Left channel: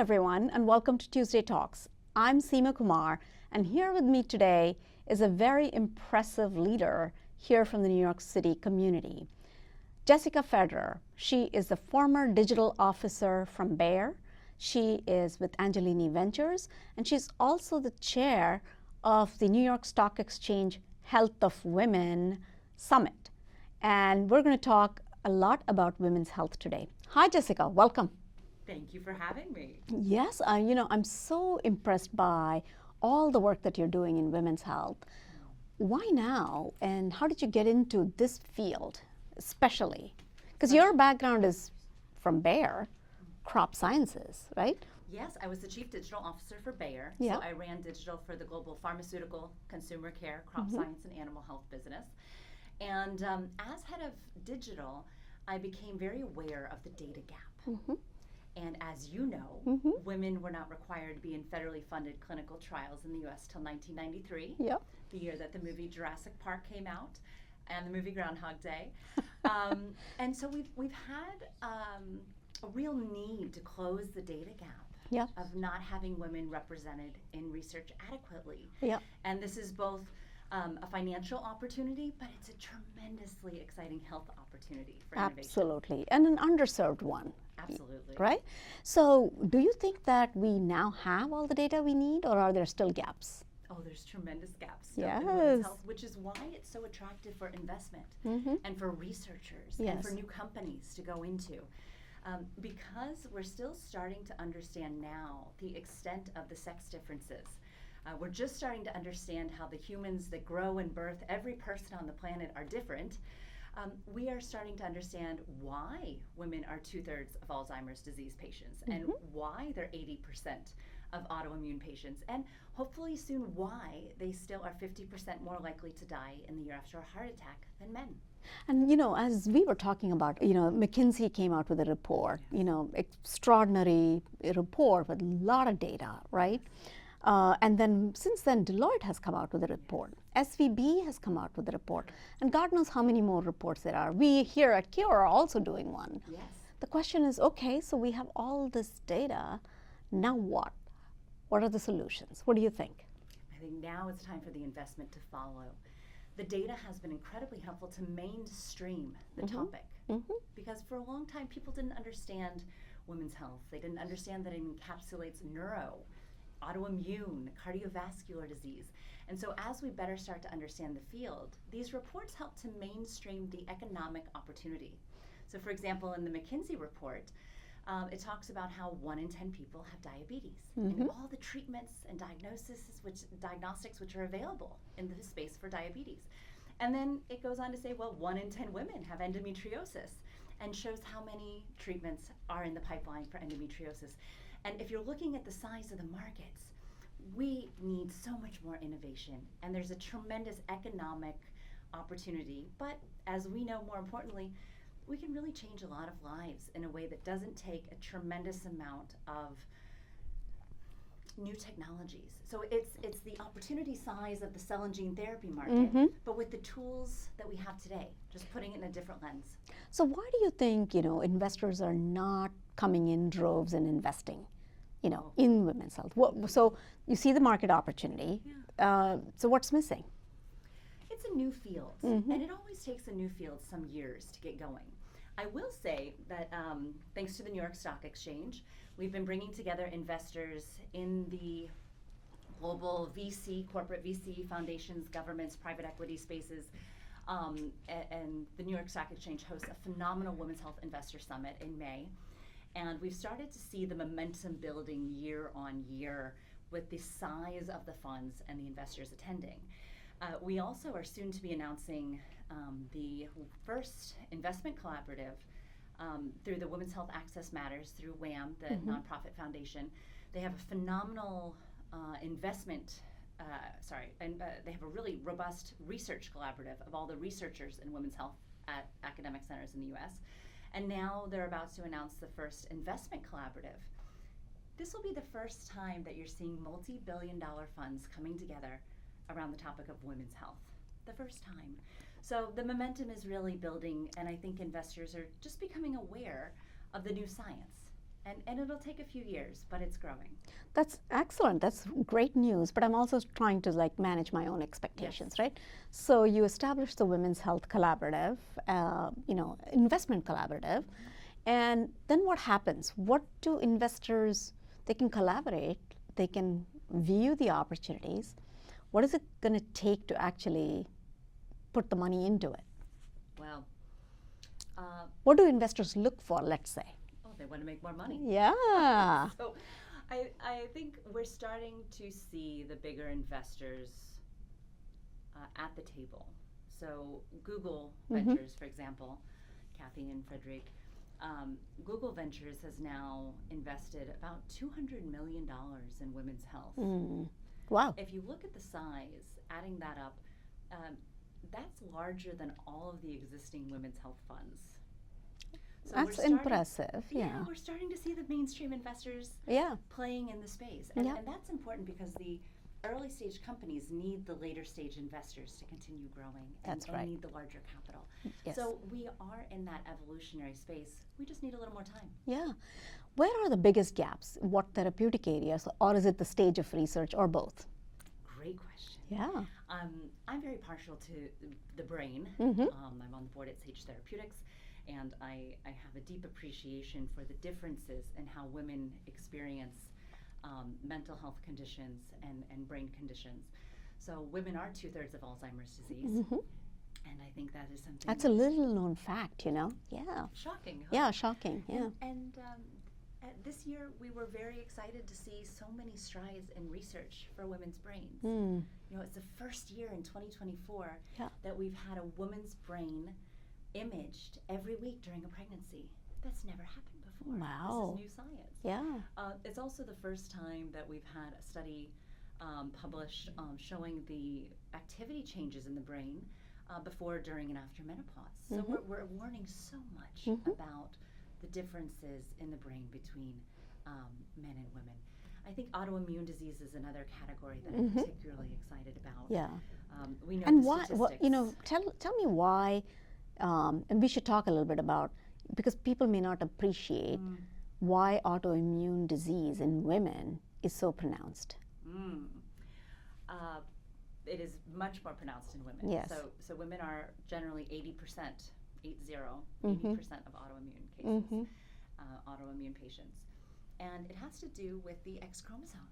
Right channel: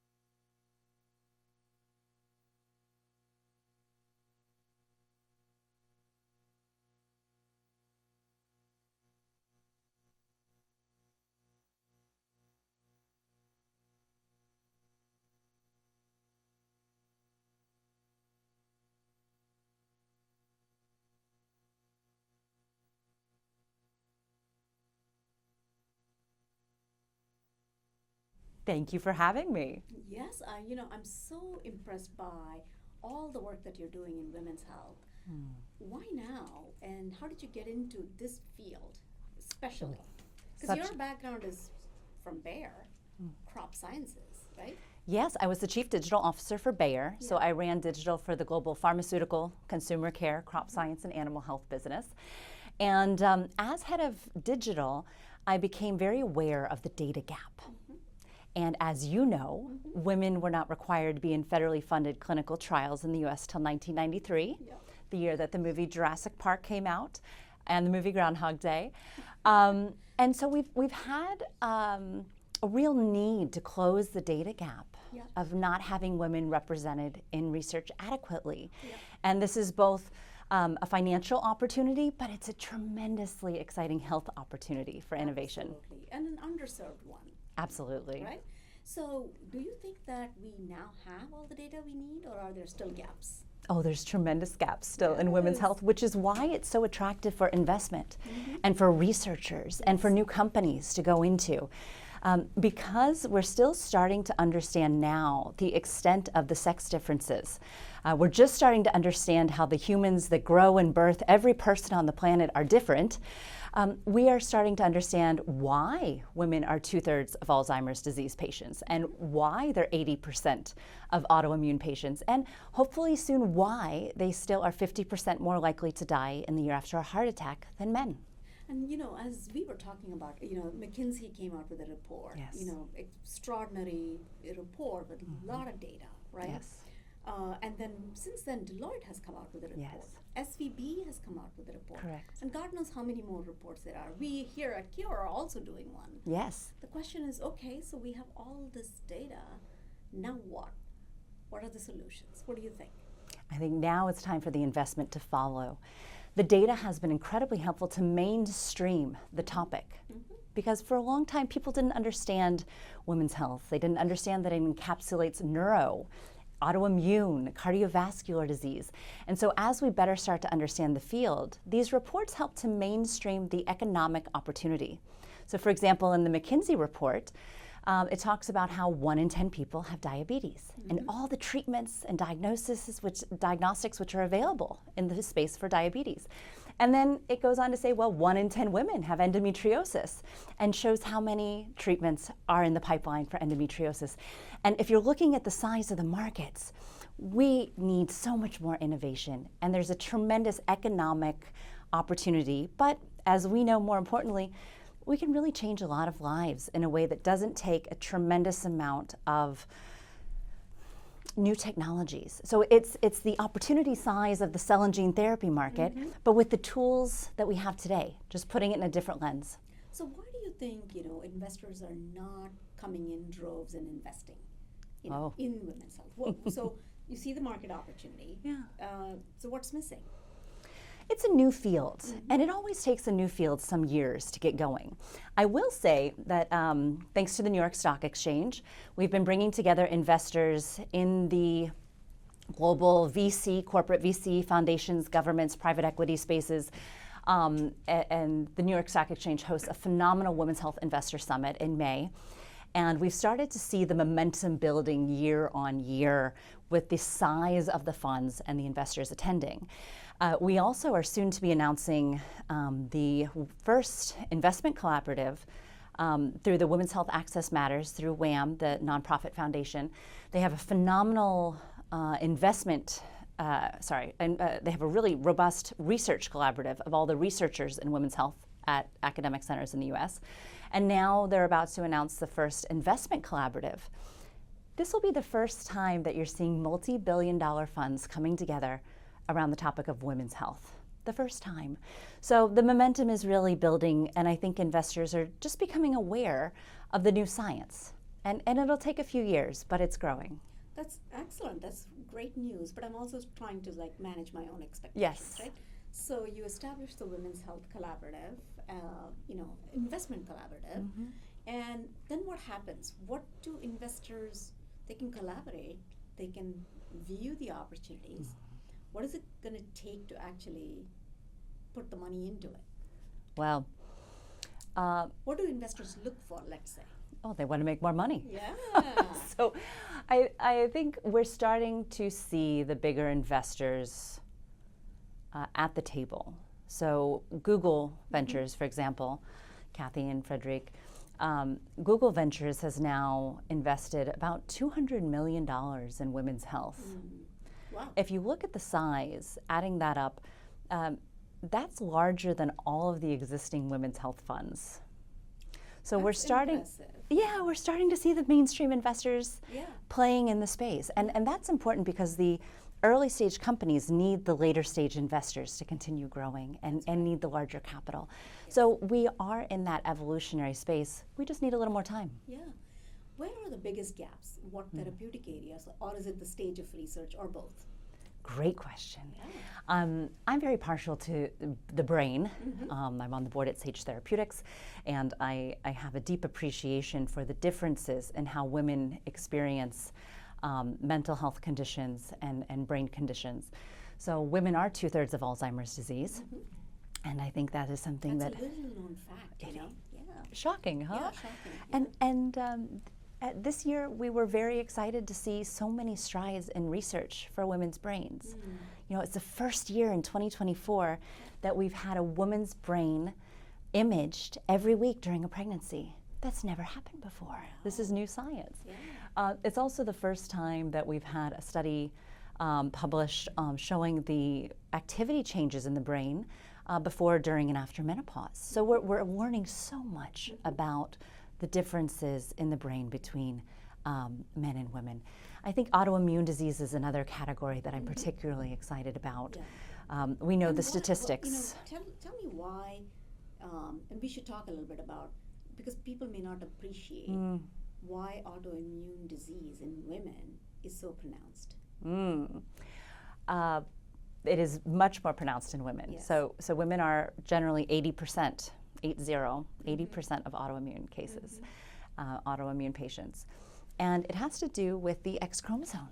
everyone, and welcome to Tuesday Talks. I'm Seema Kumar, and here with me today is a very impressive leader here from the New York City community, Jessica Federer. She is the former digital officer from Bayer. She is with Angelini Ventures, and she's also the chair of the New York Stock Exchange Health of Women Summit. And we're going to talk a lot about women's health today. Hi, Jessica. Welcome. Thank you for having me. Yes, I'm so impressed by all the work that you're doing in women's health. Why now, and how did you get into this field, especially? Because your background is from Bayer, crop sciences, right? Yes, I was the chief digital officer for Bayer, so I ran digital for the global pharmaceutical, consumer care, crop science, and animal health business. And as head of digital, I became very aware of the data gap. And as you know, women were not required to be in federally funded clinical trials in the US till 1993, the year that the movie Jurassic Park came out and the movie Groundhog Day. And so we've had a real need to close the data gap of not having women represented in research adequately. And this is both a financial opportunity, but it's a tremendously exciting health opportunity for innovation. Absolutely, and an underserved one. Absolutely. Right? So do you think that we now have all the data we need, or are there still gaps? Oh, there's tremendous gaps still in women's health, which is why it's so attractive for investment and for researchers and for new companies to go into. Because we're still starting to understand now the extent of the sex differences. We're just starting to understand how the humans that grow and birth every person on the planet are different. We are starting to understand why women are 2/3 of Alzheimer's disease patients and why they're 80% of autoimmune patients, and hopefully soon why they still are 50% more likely to die in the year after a heart attack than men. And as we were talking about, McKinsey came out with a report, extraordinary report with a lot of data, right? And then since then, Deloitte has come out with a report. SVB has come out with a report. And God knows how many more reports there are. We here at Cure are also doing one. The question is, okay, so we have all this data, now what? What are the solutions? What do you think? I think now it's time for the investment to follow. The data has been incredibly helpful to mainstream the topic because for a long time people didn't understand women's health. They didn't understand that it encapsulates neuro, autoimmune, cardiovascular disease. And so as we better start to understand the field, these reports help to mainstream the economic opportunity. So for example, in the McKinsey report, it talks about how 1 in 10 people have diabetes and all the treatments and diagnostics which are available in the space for diabetes. And then it goes on to say, well, 1 in 10 women have endometriosis, and shows how many treatments are in the pipeline for endometriosis. And if you're looking at the size of the markets, we need so much more innovation, and there's a tremendous economic opportunity. But as we know, more importantly, we can really change a lot of lives in a way that doesn't take a tremendous amount of new technologies. So it's the opportunity size of the cell and gene therapy market, but with the tools that we have today, just putting it in a different lens. So why do you think, investors are not coming in droves and investing, in women's health? So you see the market opportunity. So what's missing? It's a new field, and it always takes a new field some years to get going. I will say that thanks to the New York Stock Exchange, we've been bringing together investors in the global VC, corporate VC, foundations, governments, private equity spaces, and the New York Stock Exchange hosts a phenomenal Women's Health Investor Summit in May. And we've started to see the momentum building year on year with the size of the funds and the investors attending. We also are soon to be announcing the first investment collaborative through the Women's Health Access Matters through WHAM, the nonprofit foundation. They have a phenomenal investment, they have a really robust research collaborative of all the researchers in women's health at academic centers in the US. And now they're about to announce the first investment collaborative. This will be the first time that you're seeing multi-billion-dollar funds coming together around the topic of women's health. The first time. So the momentum is really building, and I think investors are just becoming aware of the new science. And it'll take a few years, but it's growing. That's excellent. That's great news. But I'm also trying to like manage my own expectations, Yes. right? So you established the Women's Health Collaborative, investment collaborative, and then what happens? What do investors? They can collaborate. They can view the opportunities. What is it going to take to actually put the money into it? Well, what do investors look for? Let's say. oh, they want to make more money. Yeah. So I think we're starting to see the bigger investors at the table. So Google Ventures, for example, Kathy and Frederic, Google Ventures has now invested about $200 million in women's health. Wow. If you look at the size, adding that up, that's larger than all of the existing women's health funds. So That's we're starting. impressive. Yeah, we're starting to see the mainstream investors Yeah. playing in the space. And that's important because the early stage companies need the later stage investors to continue growing and need the larger capital. Yes. So we are in that evolutionary space. We just need a little more time. Yeah. Where are the biggest gaps? What therapeutic areas, or is it the stage of research, or both? Great question. Yeah. I'm very partial to the brain. I'm on the board at Sage Therapeutics, and I have a deep appreciation for the differences in how women experience mental health conditions and brain conditions. So women are 2/3 of Alzheimer's disease, and I think that is something That's that a little known fact, you know? Yeah. shocking, huh? Yeah, shocking. Yeah. And this year, we were very excited to see so many strides in research for women's brains. You know, it's the first year in 2024 that we've had a woman's brain imaged every week during a pregnancy. That's never happened before. This is Wow. new science. Yeah. It's also the first time that we've had a study published showing the activity changes in the brain before, during, and after menopause. So we're learning so much about the differences in the brain between men and women. I think autoimmune disease is another category that I'm particularly excited about. Yeah. We know And the why- statistics. you know, tell me why, and we should talk a little bit about, because people may not appreciate why autoimmune disease in women is so pronounced. It is much more pronounced in women. Yes. So women are generally 80%, 80% of autoimmune cases, autoimmune patients. And it has to do with the X chromosome.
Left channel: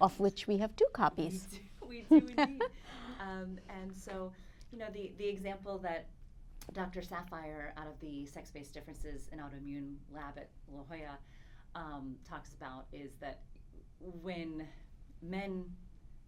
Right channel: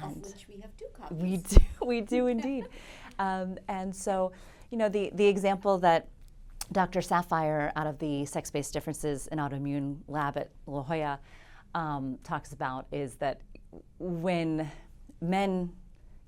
Of which we have 2 copies. We do indeed. And so, you know, the example that Dr. Sapphire out of the Sex-Based Differences in Autoimmune Lab at La Jolla talks about is that when men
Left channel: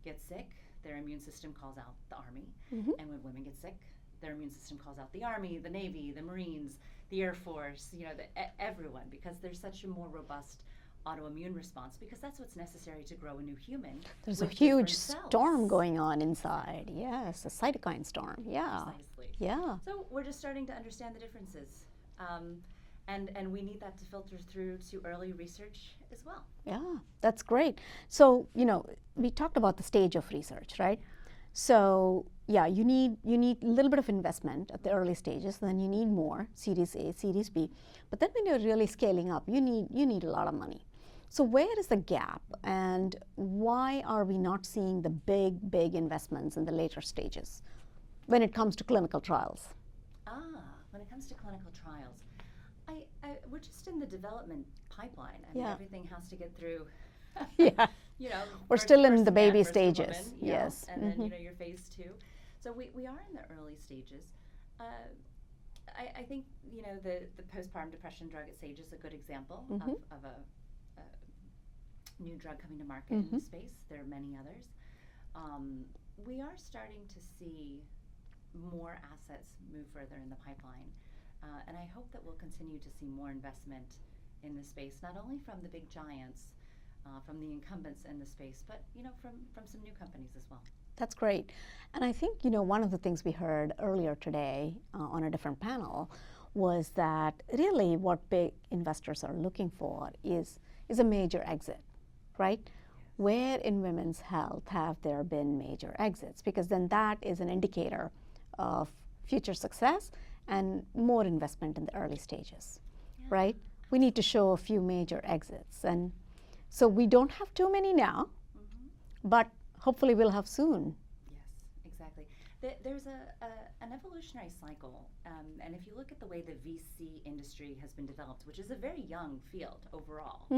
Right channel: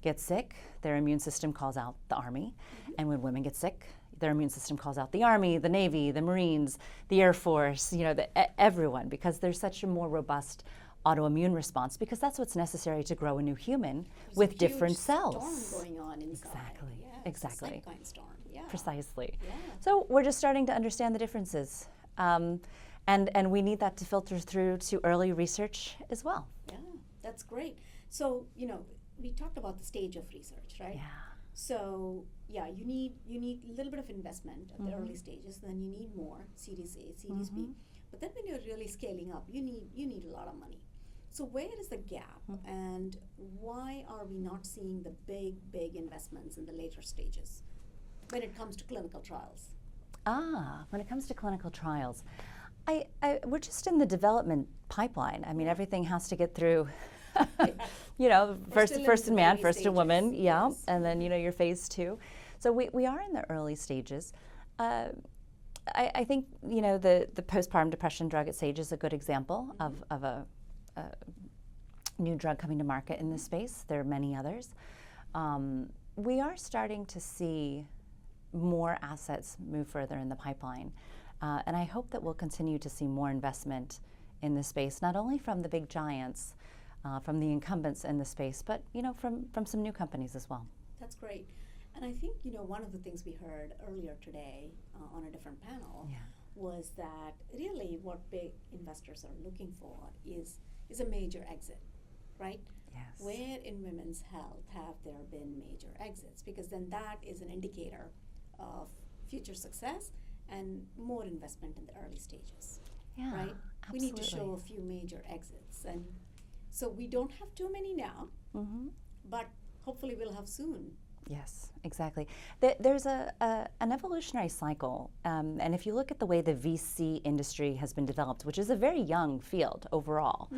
get sick, their immune system calls out the Army. And when women get sick, their immune system calls out the Army, the Navy, the Marines, the Air Force, you know, everyone, because there's such a more robust autoimmune response, because that's what's necessary to grow a new human with a different huge cells. storm going on inside. Exactly. Yeah, it's Exactly. a cytokine storm. Yeah. Precisely. Yeah. So we're just starting to understand the differences. And we need that to filter through to early research as well. Yeah, that's great. So, you know, we talked about the stage of research, right? Yeah. So, yeah, you need a little bit of investment at the early stages, then you need more, Series A, Series B. But then when you're really scaling up, you need a lot of money. So where is the gap, and why are we not seeing the big investments in the later stages when it comes to clinical trials? When it comes to clinical trials, we're just in the development pipeline. I mean, everything has to get through, you know, We're first, still in first the a man, baby first stages. a woman, Yes. and then, you know, your phase 2. So we are in the early stages. I think, you know, the postpartum depression drug at Sage is a good example of a new drug coming to market in this space. There are many others. We are starting to see more assets move further in the pipeline. And I hope that we'll continue to see more investment in this space, not only from the big giants, from the incumbents in the space, but, you know, from some new companies as well. That's great. And I think, you know, one of the things we heard earlier today on a different panel was that really what big investors are looking for is a major exit, right? Yes. Where in women's health have there been major exits? Because then that is an indicator of future success and more investment in the early stages, right? We need to show a few major exits. And so we don't have too many now, but hopefully we'll have soon. Yes, exactly. There's an evolutionary cycle, and if you look at the way the VC industry has been developed, which is a very young field overall,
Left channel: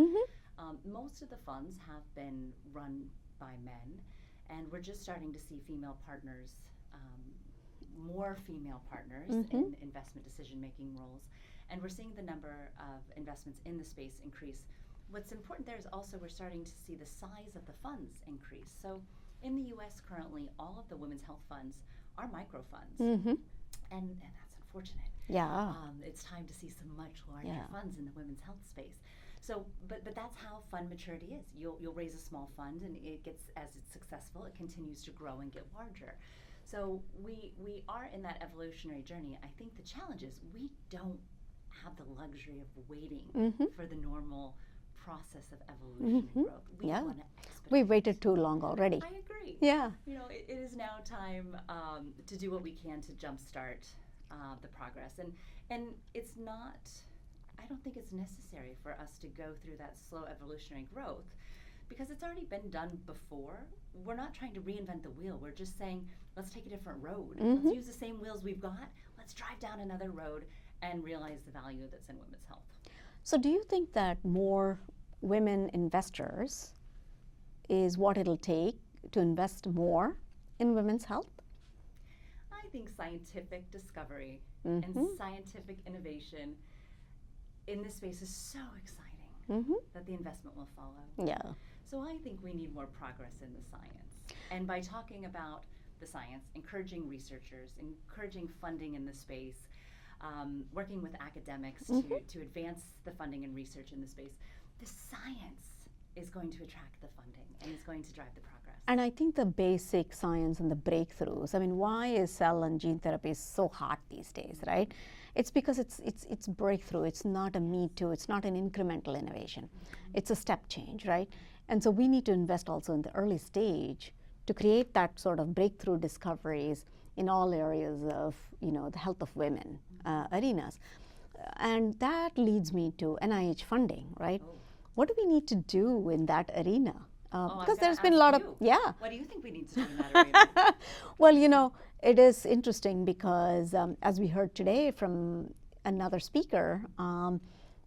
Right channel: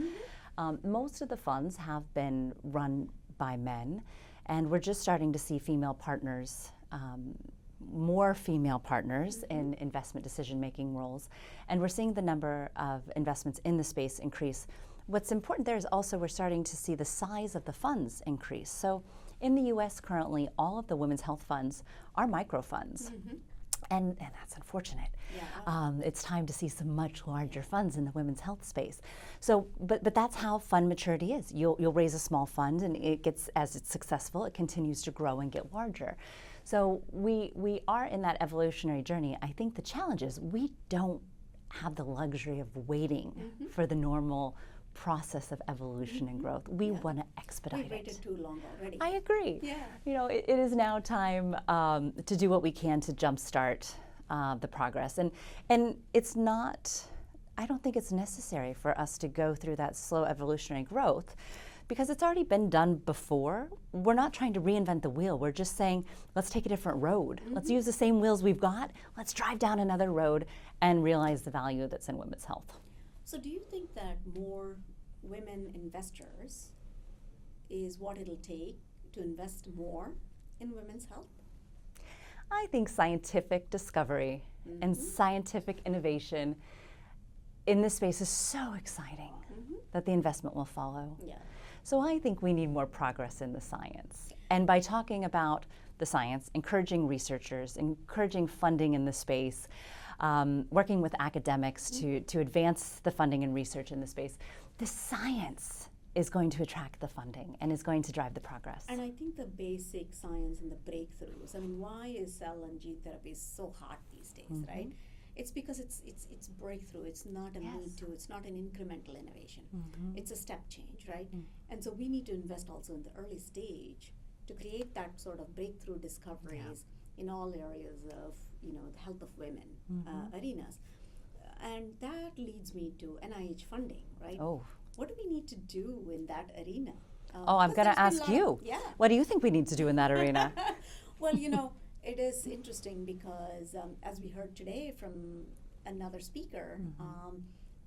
most of the funds have been run by men, and we're just starting to see female partners, more female partners in investment decision-making roles, and we're seeing the number of investments in the space increase. What's important there is also we're starting to see the size of the funds increase. So in the US currently, all of the women's health funds are micro funds, and that's unfortunate. Yeah. It's time to see some much larger funds in the women's health space. So, but that's how fund maturity is. You'll raise a small fund, and it gets, as it's successful, it continues to grow and get larger. So we are in that evolutionary journey. I think the challenge is we don't have the luxury of waiting for the normal process of evolution and growth. We want to expedite. We waited too long already. I agree. Yeah. You know, it is now time to do what we can to jumpstart the progress. And it's not, I don't think it's necessary for us to go through that slow evolutionary growth because it's already been done before. We're not trying to reinvent the wheel. We're just saying, let's take a different road. Let's use the same wheels we've got. Let's drive down another road and realize the value that's in women's health. So do you think that more women investors is what it'll take to invest more in women's health? I think scientific discovery and scientific innovation in this space is so exciting that the investment will follow. Yeah. So I think we need more progress in the science. And by talking about the science, encouraging researchers, encouraging funding in the space, working with academics to advance the funding and research in the space, the science is going to attract the funding and is going to drive the progress. And I think the basic science and the breakthroughs, I mean, why is cell and gene therapy so hot these days, right? It's because it's breakthrough. It's not a me too. It's not an incremental innovation. It's a step change, right? And so we need to invest also in the early stage to create that sort of breakthrough discoveries in all areas of, you know, the health of women arenas. And that leads me to NIH funding, right? Oh. What do we need to do in that arena? I'm going to ask you. What do you think we need to do in that arena? Well, you know, it is interesting because as we heard today from another speaker,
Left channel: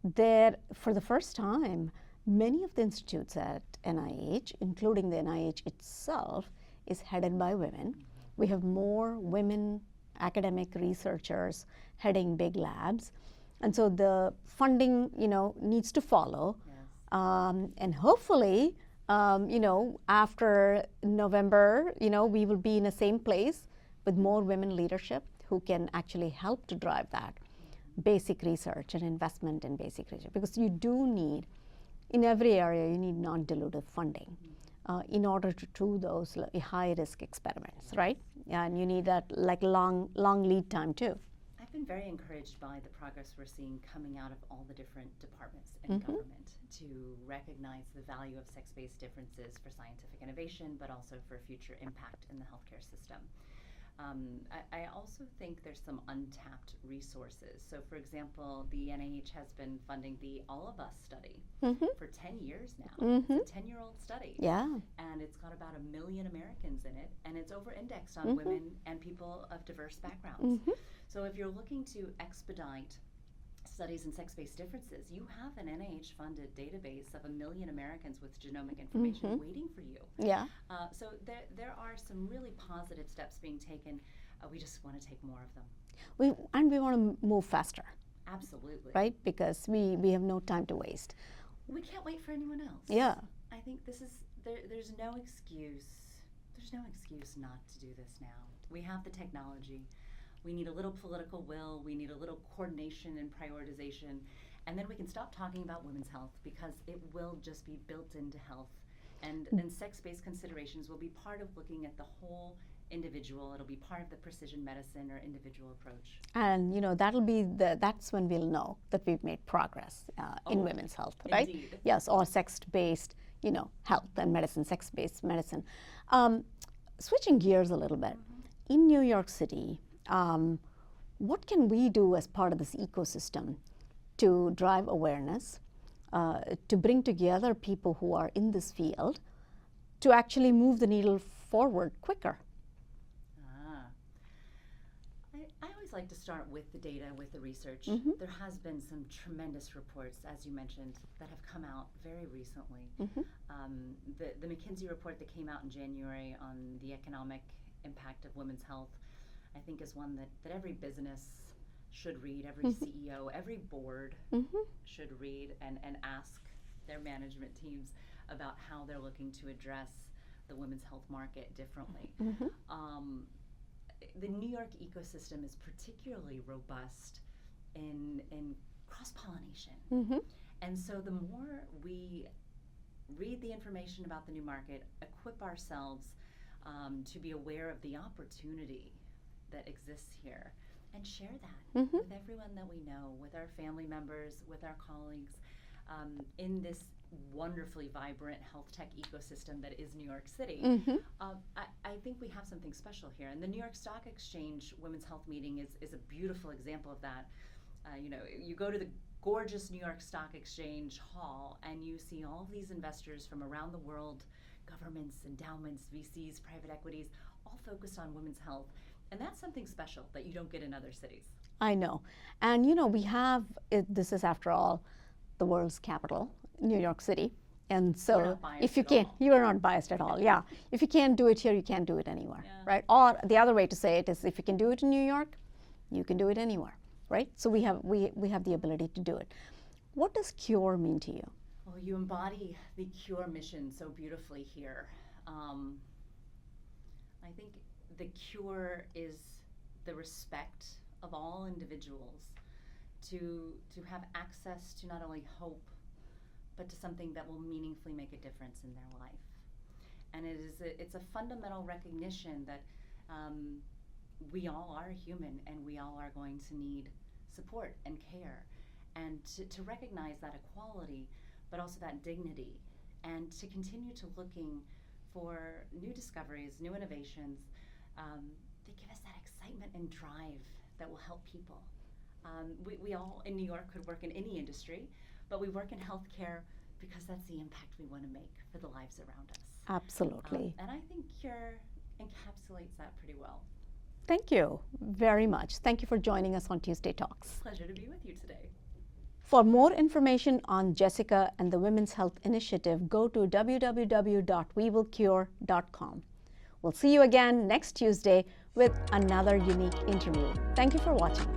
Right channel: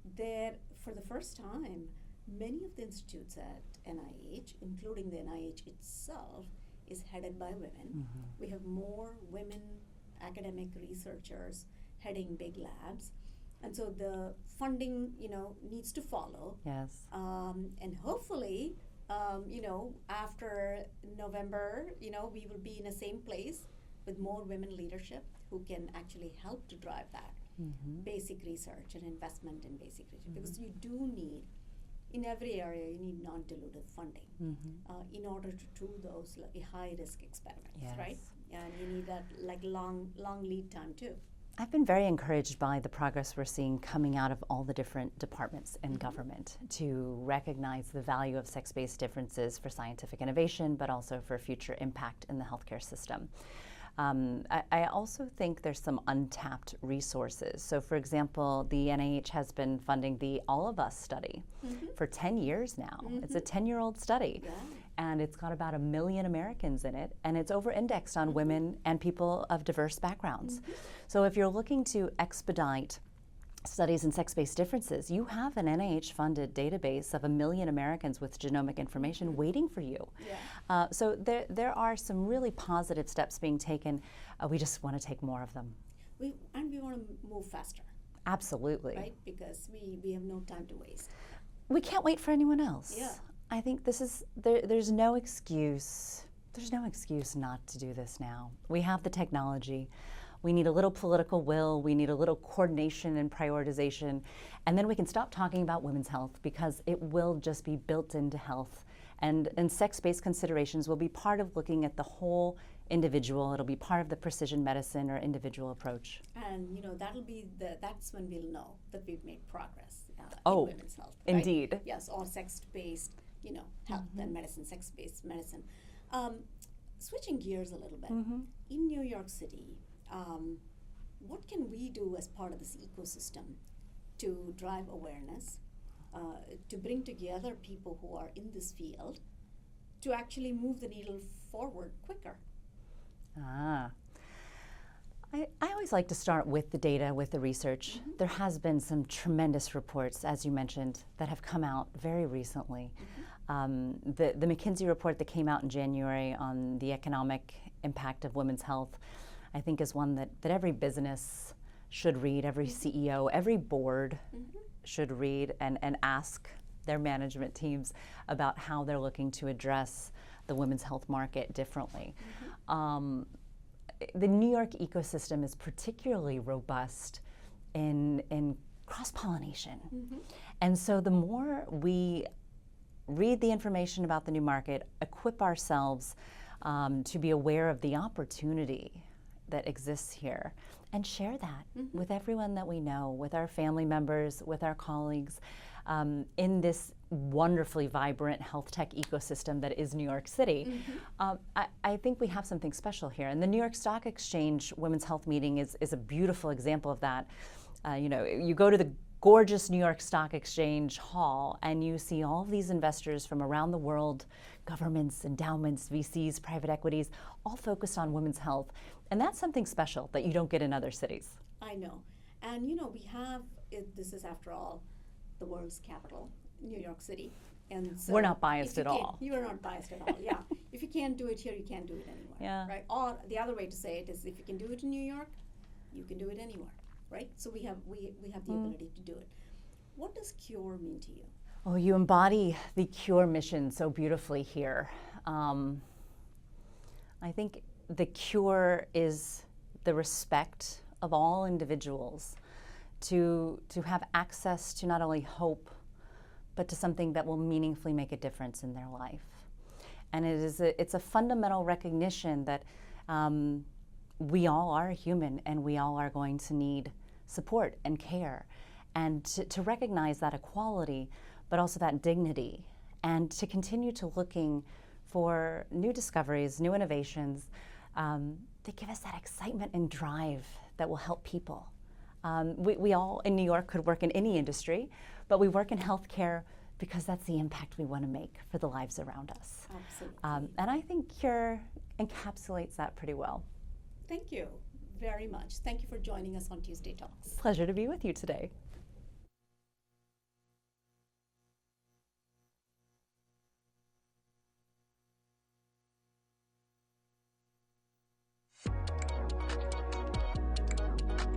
there, for the first time, many of the institutes at NIH, including the NIH itself, is headed by women. We have more women academic researchers heading big labs. And so the funding, you know, needs to follow. Yes. And hopefully, you know, after November, you know, we will be in the same place with more women leadership who can actually help to drive that basic research and investment in basic research. Because you do need, in every area, you need non-dilutive funding in order to do those high-risk experiments, right? Yeah, and you need that like long lead time too. I've been very encouraged by the progress we're seeing coming out of all the different departments in government to recognize the value of sex-based differences for scientific innovation, but also for future impact in the healthcare system. I also think there's some untapped resources. So for example, the NIH has been funding the All of Us study for 10 years now. It's a 10-year-old study. Yeah. And it's got about 1 million Americans in it, and it's over-indexed on women and people of diverse backgrounds. So if you're looking to expedite studies in sex-based differences, you have an NIH-funded database of 1 million Americans with genomic information waiting for you. Yeah. So there are some really positive steps being taken. We just want to take more of them. And we want to move faster. Absolutely. Right? Because we have no time to waste. We can't wait for anyone else. Yeah. I think this is, there's no excuse. There's no excuse not to do this now. We have the technology. We need a little political will, we need a little coordination and prioritization, and then we can stop talking about women's health because it will just be built into health. And sex-based considerations will be part of looking at the whole individual. It'll be part of the precision medicine or individual approach. And you know, that's when we'll know that we've made progress in women's health, right? Indeed. Yes, or sex-based, you know, health and medicine, sex-based medicine. Switching gears a little bit, in New York City, what can we do as part of this ecosystem to drive awareness, to bring together people who are in this field, to actually move the needle forward quicker? I always like to start with the data, with the research. There has been some tremendous reports, as you mentioned, that have come out very recently. The McKinsey report that came out in January on the economic impact of women's health, I think is one that every business should read, every CEO, every board should read and ask their management teams about how they're looking to address the women's health market differently. The New York ecosystem is particularly robust in cross-pollination. And so the more we read the information about the new market, equip ourselves to be aware of the opportunity that exists here, and share that with everyone that we know, with our family members, with our colleagues, in this wonderfully vibrant health tech ecosystem that is New York City. I think we have something special here. And the New York Stock Exchange Women's Health Meeting is a beautiful example of that. You know, you go to the gorgeous New York Stock Exchange hall and you see all of these investors from around the world, governments, endowments, VCs, private equities, all focused on women's health. And that's something special that you don't get in other cities. I know. And you know, we have, this is after all, the world's capital, New York City. And so we're not biased at all. You are not biased at all, yeah. If you can't do it here, you can't do it anywhere, Yeah. right? Or the other way to say it is, if you can do it in New York, you can do it anywhere, right? So we have the ability to do it. What does CURE mean to you? Oh, you embody the CURE mission so beautifully here. I think the CURE is the respect of all individuals to have access to not only hope, but to something that will meaningfully make a difference in their life. And it's a fundamental recognition that we all are human and we all are going to need support and care. And to recognize that equality, but also that dignity, and to continue to looking for new discoveries, new innovations that give us that excitement and drive that will help people. We all in New York could work in any industry, but we work in healthcare because that's the impact we want to make for the lives around us. Absolutely. And I think CURE encapsulates that pretty well. Thank you very much. Thank you for joining us on Tuesday Talks. Pleasure to be with you today. For more information on Jessica and the Women's Health Initiative, go to www.wewillcure.com. We'll see you again next Tuesday with another unique interview. Thank you for watching.